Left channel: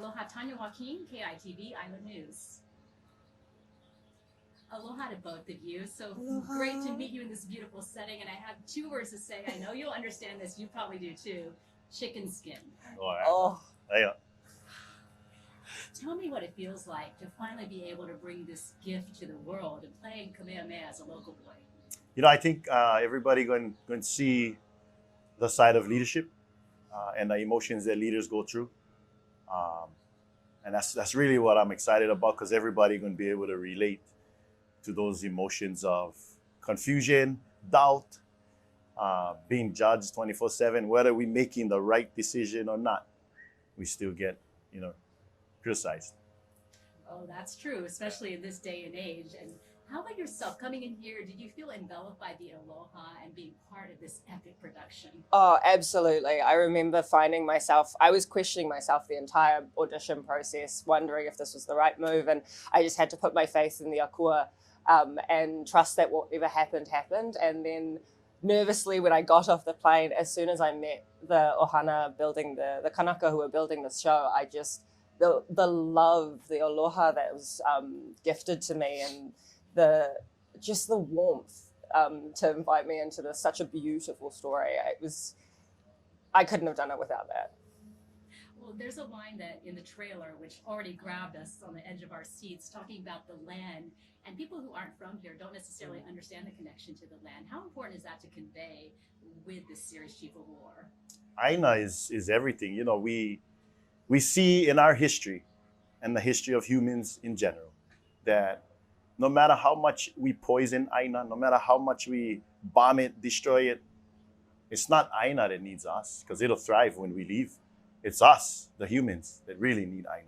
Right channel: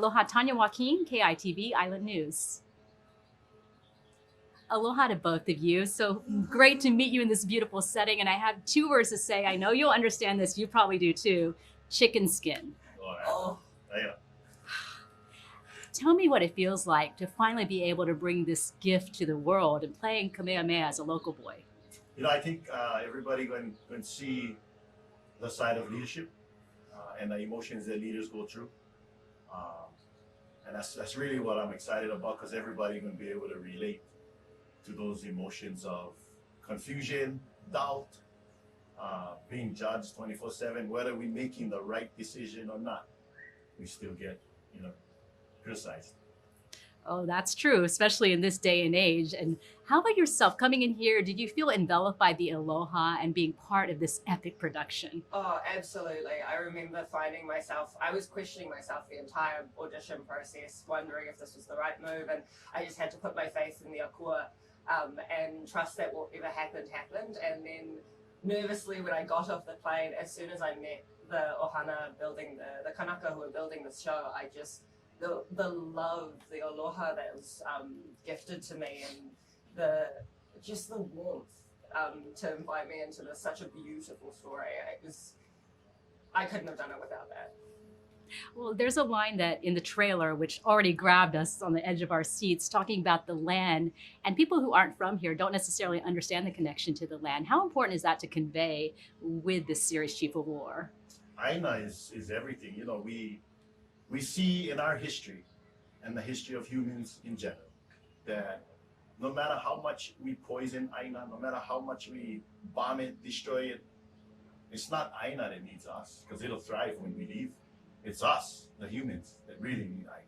Aloha, Tannya Joaquin, KITV Island News. Aloha to both of you. So great to meet you in this beautiful setting. And I have two words to say. I know you'll understand this. You probably do too. Chicken skin. Oh. Yeah. Tell me what it feels like to finally be able to bring this gift to the world and playing Kamehameha as a local boy. You know, I think everybody going to see the side of leadership and the emotions that leaders go through. And that's really what I'm excited about, because everybody going to be able to relate to those emotions of confusion, doubt, being judged 24/7, whether we're making the right decision or not. We still get, criticized. Oh, that's true, especially in this day and age. And how about yourself coming in here? Did you feel enveloped by the Aloha and being part of this epic production? Oh, absolutely. I remember finding myself, I was questioning myself the entire audition process, wondering if this was the right move. And I just had to put my faith in the akua and trust that whatever happened, happened. And then nervously, when I got off the plane, as soon as I met the Ohana building, the Kanaka who were building this show, I just, the love, the aloha that was gifted to me, and the warmth to invite me into such a beautiful story. I couldn't have done it without that. Well, there's a line that in the trailer, which already grabbed us on the edge of our seats, talking about the land, and people who aren't from here don't necessarily understand the connection to the land. How important is that to convey with this series, Chief of War? Aina is everything. We see in our history and the history of humans in general that no matter how much we poison Aina, no matter how much we bomb it, destroy it, it's not Aina that needs us, because it'll thrive when we leave. It's us, the humans, that really need Aina.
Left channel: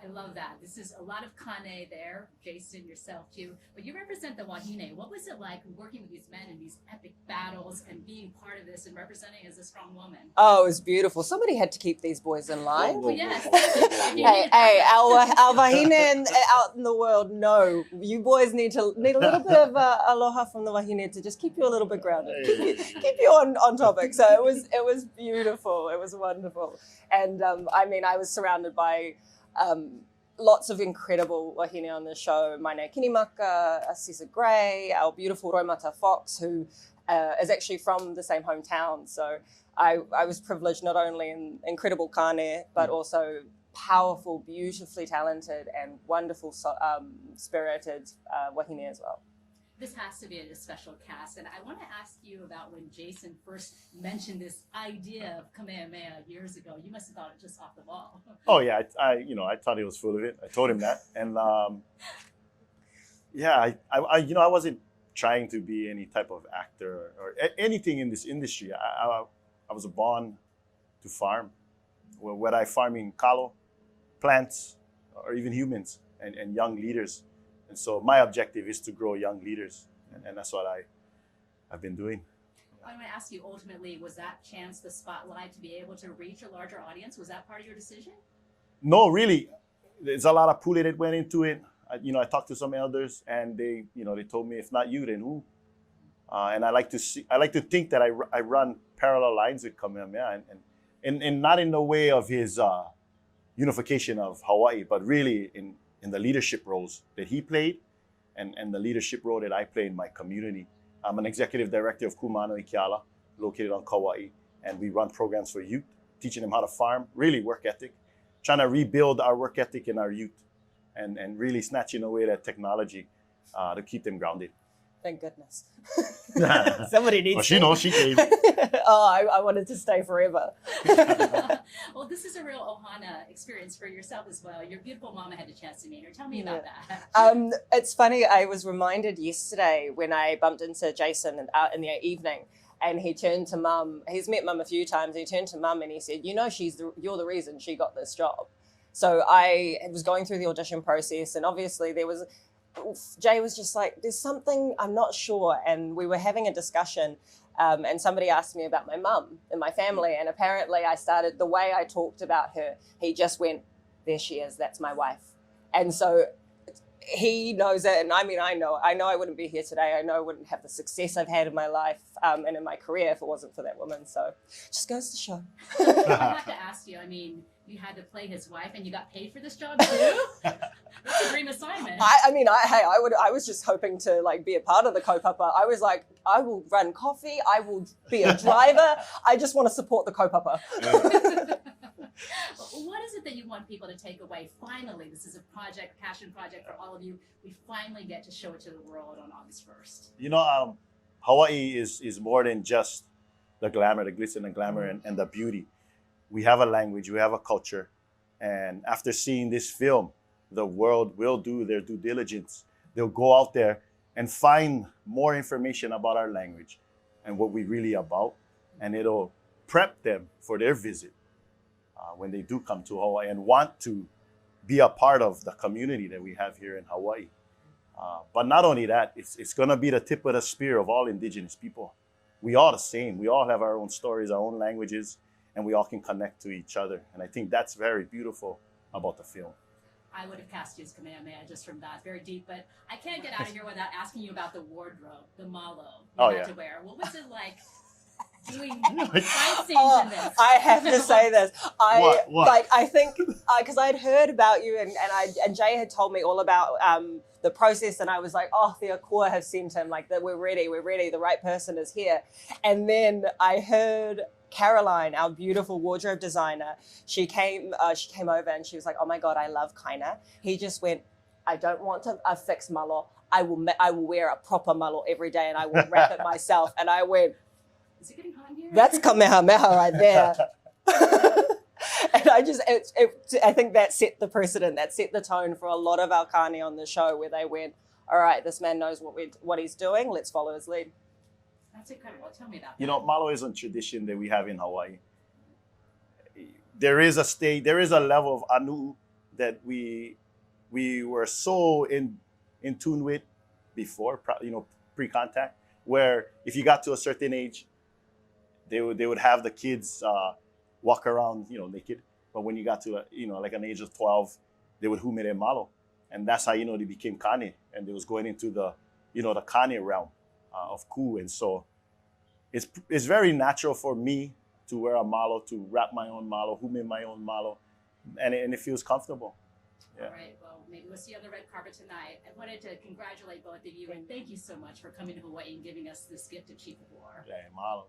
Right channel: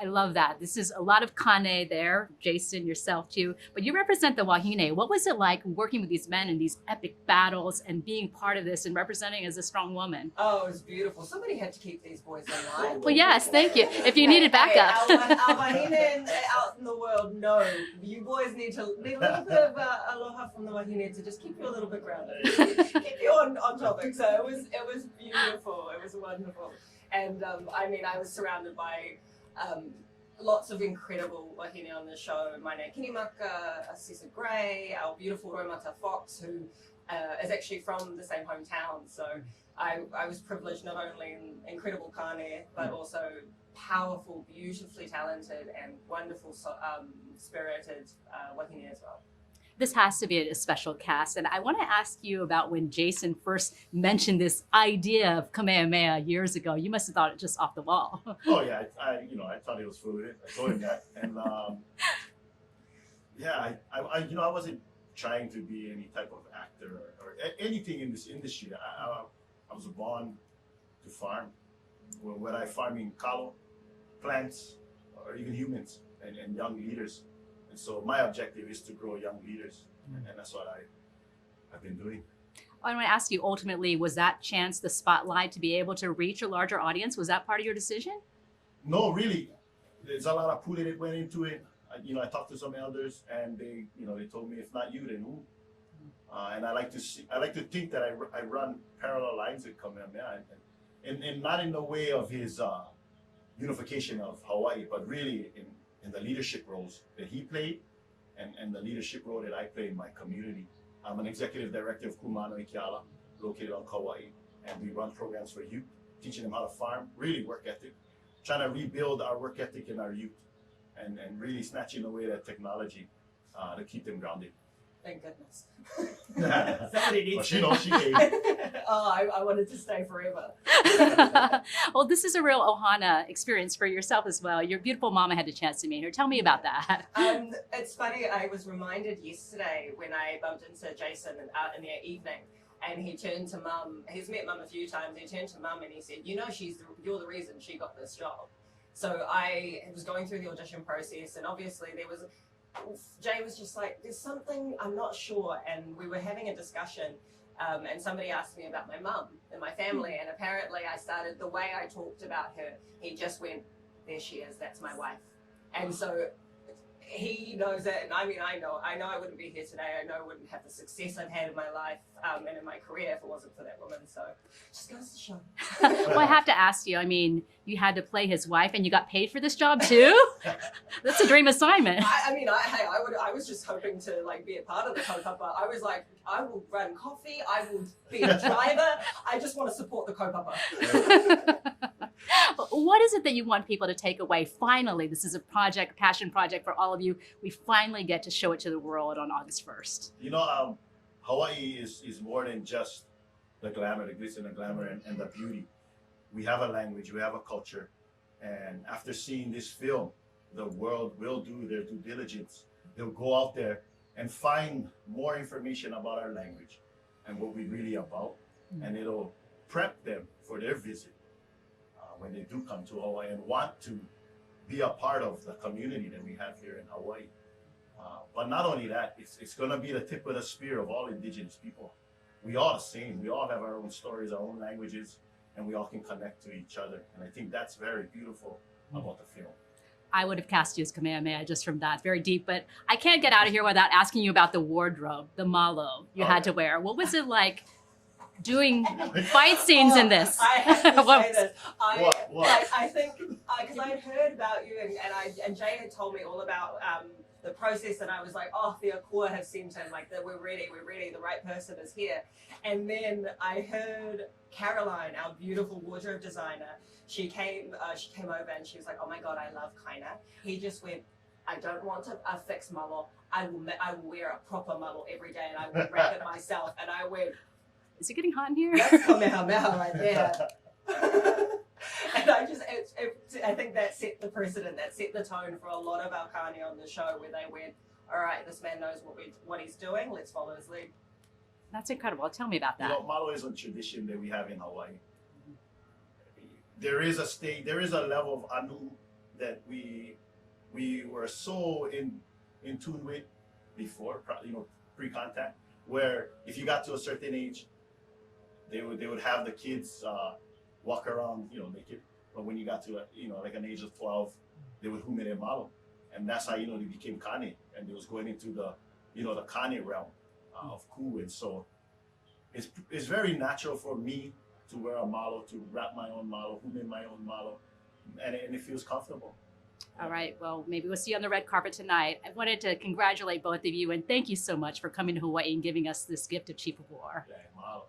I love that. This is a lot of kane there, Jason, yourself too, but you represent the Wahine. What was it like working with these men in these epic battles and being part of this and representing as a strong woman? Oh, it was beautiful. Somebody had to keep these boys in line. Well, yes, thank you. If you needed backup. Our wahine out in the world, no, you boys need a little bit of aloha from the wahine to just keep you a little bit grounded, keep you on topic. So it was beautiful. It was wonderful, and I was surrounded by lots of incredible wahine on the show. My name Kinimaka, Cesar Gray, our beautiful Roimata Fox, who is actually from the same hometown. So I was privileged not only in incredible kane, but also powerful, beautifully talented, and wonderful spirited wahine as well. This has to be a special cast. And I want to ask you about when Jason first mentioned this idea of Kamehameha years ago. You must have thought it just off the wall. Oh yeah, I thought he was full of it. I told him that, and I wasn't trying to be any type of actor or anything in this industry. I was born to farm, whether I farm in kalo, plants, or even humans and young leaders. And so my objective is to grow young leaders, and that's what I've been doing. I want to ask you, ultimately, was that chance the spotlight to be able to reach a larger audience? Was that part of your decision? No, really. There's a lot of pulling that went into it. I talked to some elders, and they told me, if not you, then who? And I like to think that I run parallel lines with Kamehameha, and not in the way of his unification of Hawaii, but really in the leadership roles that he played and the leadership role that I play in my community. I'm an executive director of Kumano Ikiala, located on Kauai, and we run programs for youth, teaching them how to farm, really work ethic, trying to rebuild our work ethic in our youth, and really snatching away that technology to keep them grounded. Thank goodness. Somebody needs well, she knows she gave. I wanted to stay forever. Well, this is a real Ohana experience for yourself as well. Your beautiful mama had a chance to meet her. Tell me about that. It's funny, I was reminded yesterday when I bumped into Jason in the evening, and he turned to mum. He's met mum a few times. He turned to mum and he said, you're the reason she got this job. So I was going through the audition process, and obviously Jay was just like, there's something, I'm not sure. And we were having a discussion, and somebody asked me about my mum and my family. And apparently the way I talked about her, he just went, there she is, that's my wife. And so he knows it, and I mean, I know I wouldn't be here today. I know I wouldn't have the success I've had in my life and in my career if it wasn't for that woman. So just goes to show. Well, I have to ask you, I mean, you had to play his wife and you got paid for this job too? That's a dream assignment. I was just hoping to like be a part of the kaupapa. I was like, I will run coffee, I will be a driver. I just want to support the kaupapa. What is it that you want people to take away? Finally, this is a project, passion project for all of you. We finally get to show it to the world on August 1st. You know, Hawaii is more than just the glamour, the glitz and the glamour and the beauty. We have a language, we have a culture. And after seeing this film, the world will do their due diligence. They'll go out there and find more information about our language and what we're really about. And it'll prep them for their visit when they do come to Hawaii and want to be a part of the community that we have here in Hawaii. But not only that, it's going to be the tip of the spear of all indigenous people. We all the same. We all have our own stories, our own languages, and we all can connect to each other. And I think that's very beautiful about the film. I would have cast you as Kamehameha just from that, very deep. But I can't get out of here without asking you about the wardrobe, the malo you had to wear. What was it like doing fight scenes in this? I have to say this. What? Like, I think because I had heard about you and Jay had told me all about the process, and I was like, oh, the Akua have sent him, like that we're ready, the right person is here. And then I heard Caroline, our beautiful wardrobe designer, she came over and she was like, oh my God, I love Kaina. He just went, I don't want a fixed malo. I will wear a proper malo every day and I will wrap it myself. And I went, is it getting hot in here? that's Kamehameha right there. And I think that set the precedent, that set the tone for a lot of our kani on the show, where they went, all right, this man knows what he's doing, let's follow his lead. That's incredible. Tell me about that. You know, malo is a tradition that we have in Hawaii. There is a level of anu that we were so in tune with before, pre-contact, where if you got to a certain age, they would have the kids walk around, naked. But when you got to like an age of 12, they would humere malo, and that's how they became kane, and they was going into the the kane realm of ku. And so it's very natural for me to wear a malo, to wrap my own malo, hume my own malo, and it feels comfortable. All right. Well, maybe we'll see you on the red carpet tonight. I wanted to congratulate both of you and thank you so much for coming to Hawaii and giving us this gift of Chief of War. Yeah, malo.